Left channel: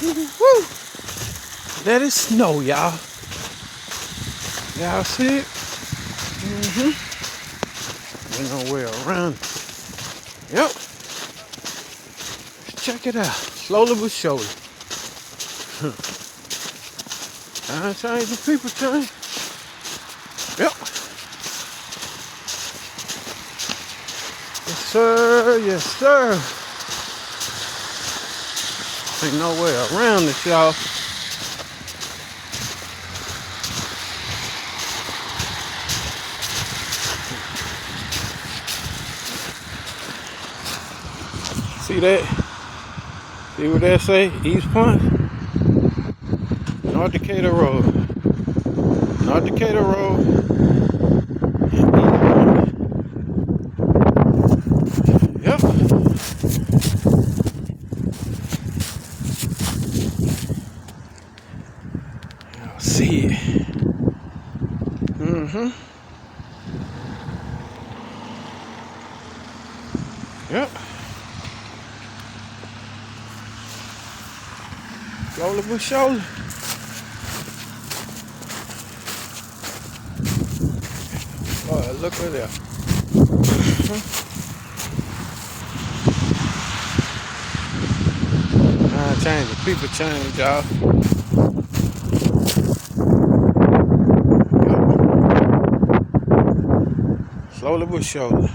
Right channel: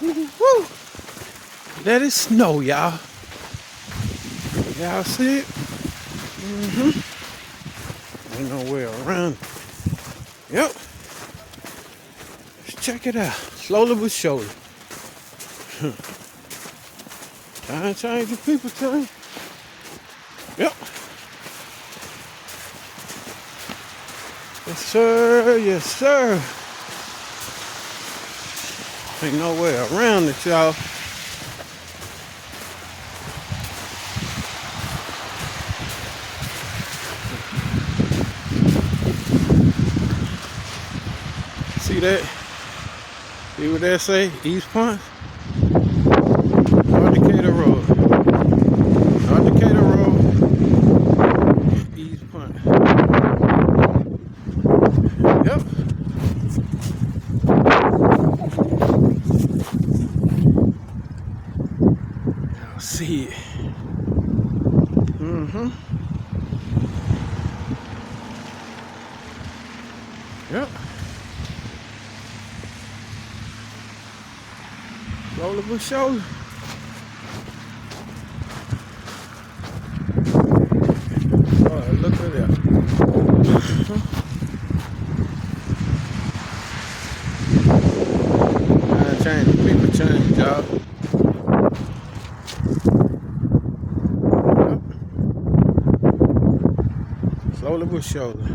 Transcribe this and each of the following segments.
Woo! Let it snow, y'all. Y'all see it? Ain't no way around it. Yep. Check it out. Slowly but surely. Time change, the people change. Yep. Yes, sir. Yes, sir. Ain't no way around it, y'all. See that? See what that say? East Point? North Decatur Road. North Decatur Road. And East Point. Yep. Y'all see it. Yep. Shoulder with shoulder. Oh, look at that. Change, the people change, y'all. Yep. Slowly but surely.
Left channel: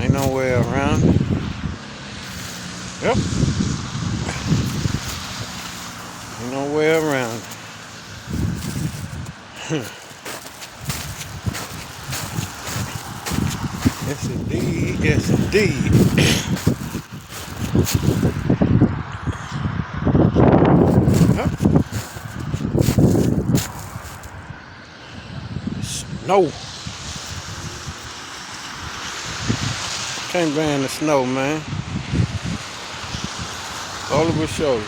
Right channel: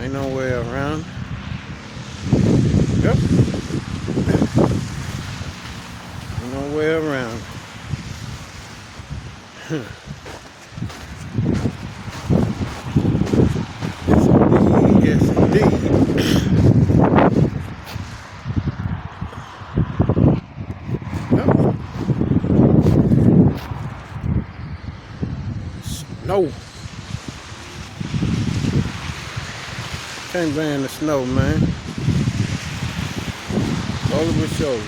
Ain't no way around it. Yep. Ain't no way around it. Yes, indeed. Yes, indeed. Yep. Snow. Can't ban the snow, man. Slowly but surely.